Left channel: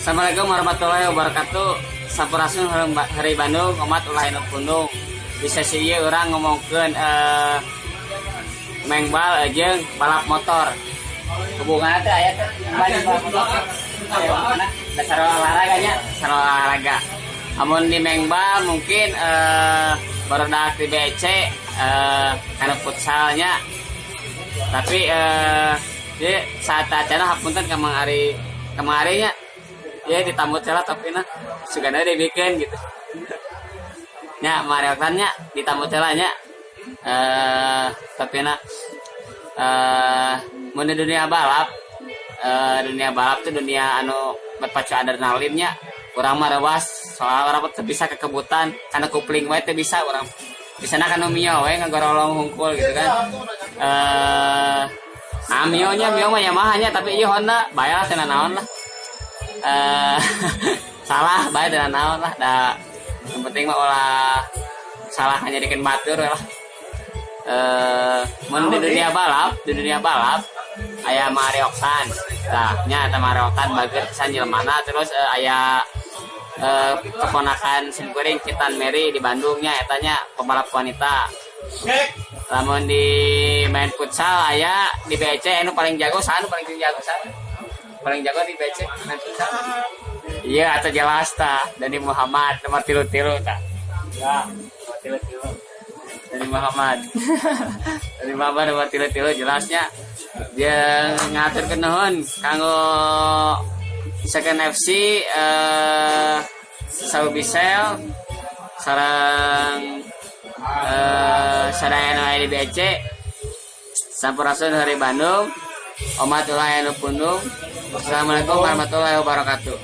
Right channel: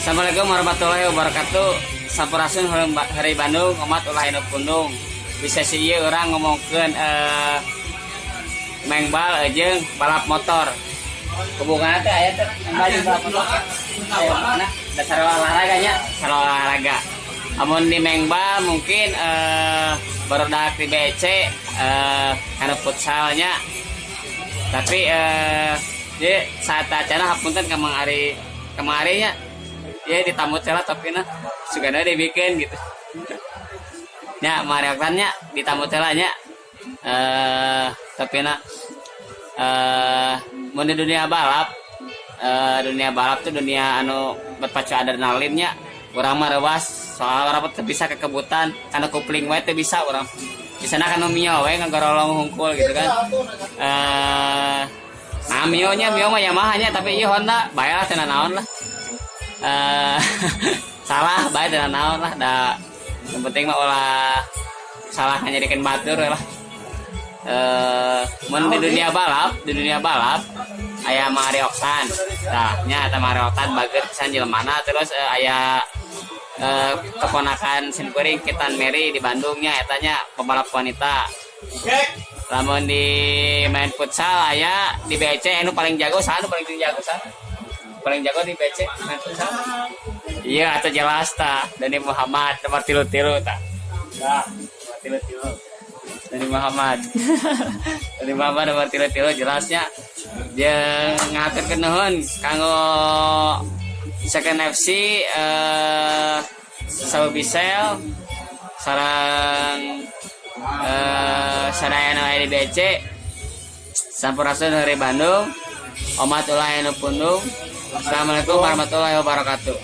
Assalamualaikum warahmatullahi wabarakatuh. Sampurasun hari Bandung, umat ulah anu pundung. Bisa sih orang ngomongkeun mengbal jeung balap motor. Hubunganna teh aya teh banyak balap motor. Mana dasar olahraganya, dasar olahraga. Amun di mengbal mungkin barudak di BC anu futsalnya. Tapi di saat acara hapunten kemarinya ya ditamu tela tapi nah sugana dibikin gitu nya mariokannya ditamu telanya tapi nah mun dunia balap tuh dunia anu berpacu adrenalinnya urang mah rewas soal orang teh bisa kekebutan karena kupling wae teh bisa urang bisa na kana mio we ngagorolong hungkul gitu kan nah mio mah Yamaha nya tapi ieu Honda bae lah cenah naon lah salah baik dan naon lah yang penting mah olah salah hanya diken batur lah mun di dunia balap aya Mario Oktan tah nya eta Mario Oktan bager pisan jelemana terus aya keponakan simkuring Kitan Mary di Bandungnya etanya pembalap wanita. Lamun di main futsal aya di BC anu paling jago paling jago di BC main futsal iya atau jelas ta Dani Muhammad nomor 3 ta ya nomor 3 Dani Muhammad nomor 3 jelasnya dia ngatur ke nuhun kanggo Second FC Saubisel sarang sadayana di BC Sampurasun hari Bandung umat ulah anu pundung. Assalamualaikum warahmatullahi wabarakatuh.